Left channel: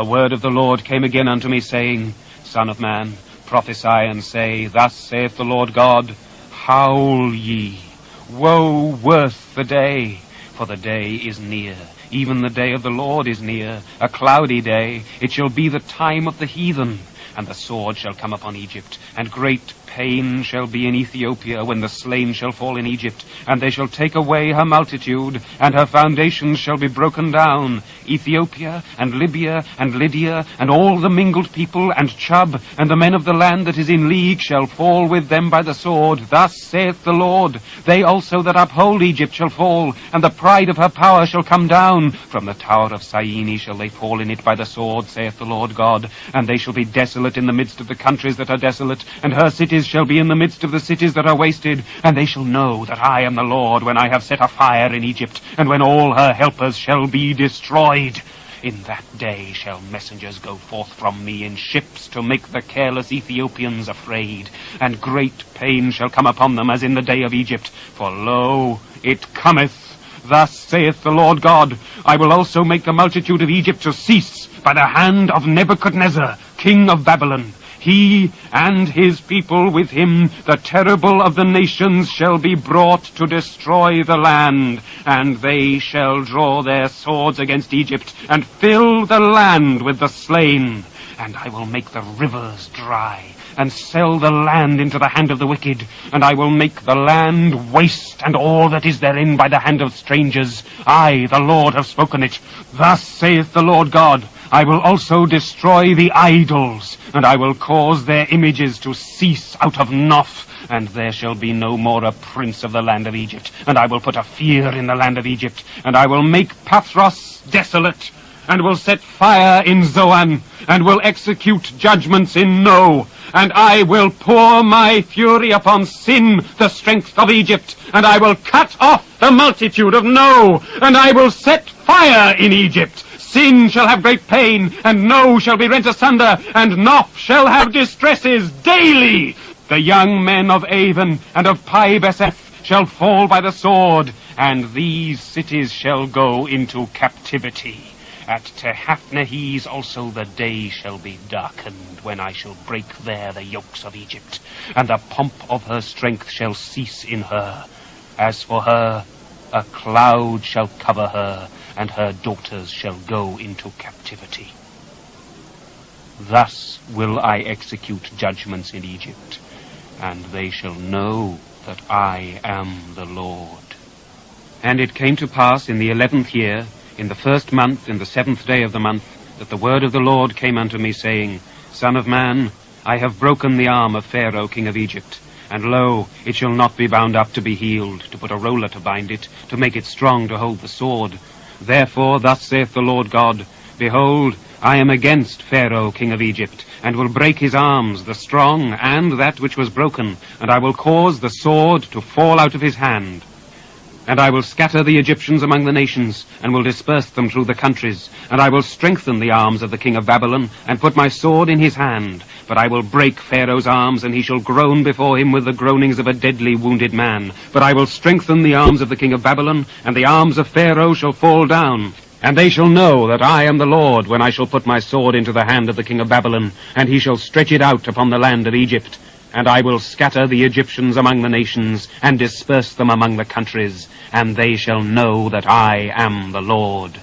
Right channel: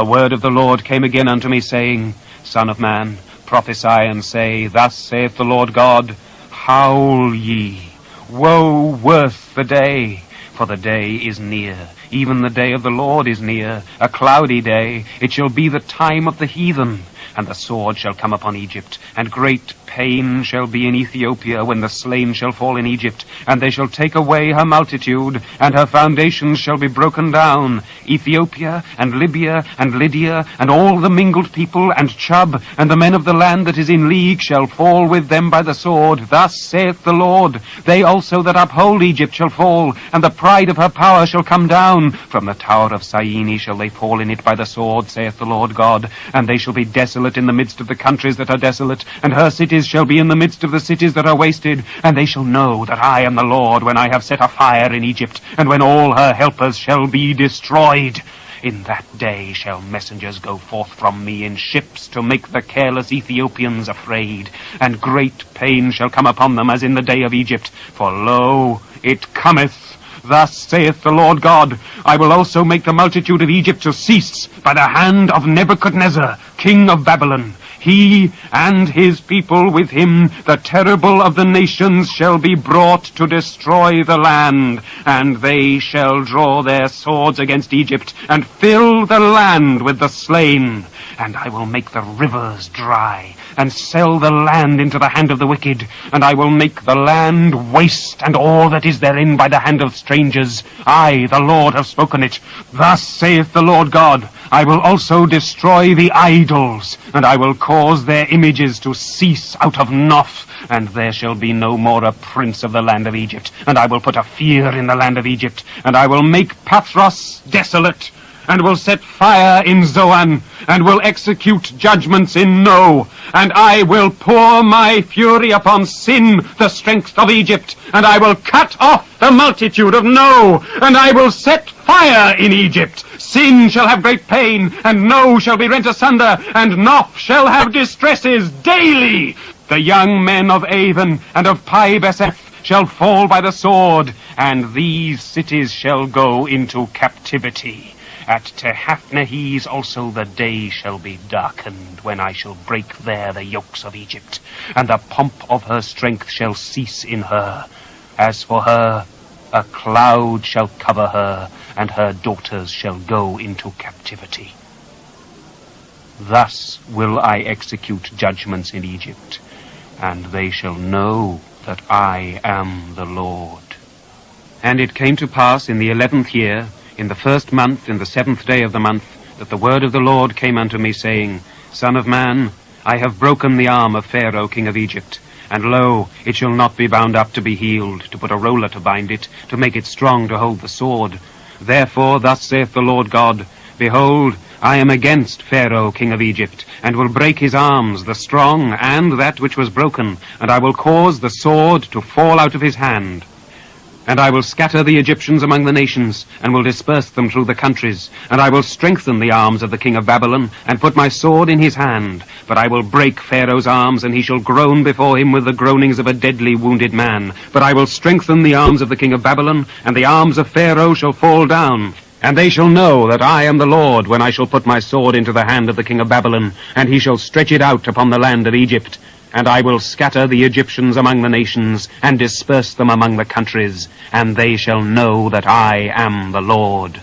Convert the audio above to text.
The word of the Lord came again unto me, saying, Son of man, prophesy and say, Thus saith the Lord God, Howl ye, woe worth the day, for the day is near, even the day of the Lord is near, a cloudy day. It shall be the time of the heathen, and the sword shall come upon Egypt, and great pain shall be in Ethiopia when the slain shall fall in Egypt, and they shall take away her multitude, and her foundations shall be broken down. Ethiopia, and Libya, and Lydia, and all the mingled people, and Chub, and the men of the land that is in league shall fall with them by the sword. Thus saith the Lord, They also that uphold Egypt shall fall, and the pride of her power shall come down. From the tower of Syene shall they fall in it by the sword, saith the Lord God, and they shall be desolate in the midst of the countries that are desolate, and her cities shall be in the midst of the cities that are wasted, and they shall know that I am the Lord when I have set a fire in Egypt, and when all her helpers shall be destroyed. In that day shall messengers go forth from me in ships to make the careless Ethiopians afraid, and great pain shall come upon them as in the day of Egypt. For lo, it cometh. Thus saith the Lord God, I will also make the multitude of Egypt to cease by the hand of Nebuchadnezzar, king of Babylon. He and his people with him, the terrible of the nations, shall be brought to destroy the land, and they shall draw their swords against Egypt, and fill the land with the slain. And I will make the rivers dry, and sell the land into the hand of the wicked, and I will make the land waste, and all that is therein by the hand of strangers. I, the Lord, have spoken it. Thus saith the Lord God, I will also destroy the idols, and I will cause their images to cease out of Noph, and there shall be no more a prince of the land of Egypt. And I will put a fear in the land of Egypt, and I will make Pathros desolate, and will set fire in Zoan, and will execute judgments in No. And I will pour my fury upon Sin, the strength of Egypt, and I will cut off the multitude of No, and I will set fire in Egypt. Sin shall have great pain, and No shall be rent asunder, and Noph shall have distresses daily. The young men of Avon and of Pi-beseth shall fall by the sword, and these cities shall go into captivity. At Tehaphnehes also the day shall be darkened, when I shall break there the yokes of Egypt, and the pomp of her strength shall cease in her. As for her, a cloud shall cover her, and her daughters shall go into captivity. Thus will I execute judgments in Egypt, and they shall know that I am the Lord. And it came to pass in the 11th year, in the 1st month, in the 7th day of the month, that the word of the Lord came unto me, saying, Son of man, I have broken the arm of Pharaoh king of Egypt, and lo, it shall not be bound up to be healed, to put a roller to bind it, to make it strong to hold the sword. Therefore thus saith the Lord God, Behold, I am against Pharaoh king of Egypt, and will break his arms, the strong, and that which was broken, and I will cause the sword to fall out of his hand. And I will scatter the Egyptians among the nations, and will disperse them through the countries. And I will strengthen the arms of the king of Babylon, and put my sword in his hand. But I will break Pharaoh's arms, and he shall groan before him with the groanings of a deadly wounded man. But I will strengthen the arms of the king of Babylon, and the arms of Pharaoh shall fall down. And they shall know that I am the Lord, when I shall put my sword into the hand of the king of Babylon, and he shall stretch it out upon the land of Egypt. And I will scatter the Egyptians among the nations, and disperse them among the countries, and they shall know that I am the Lord.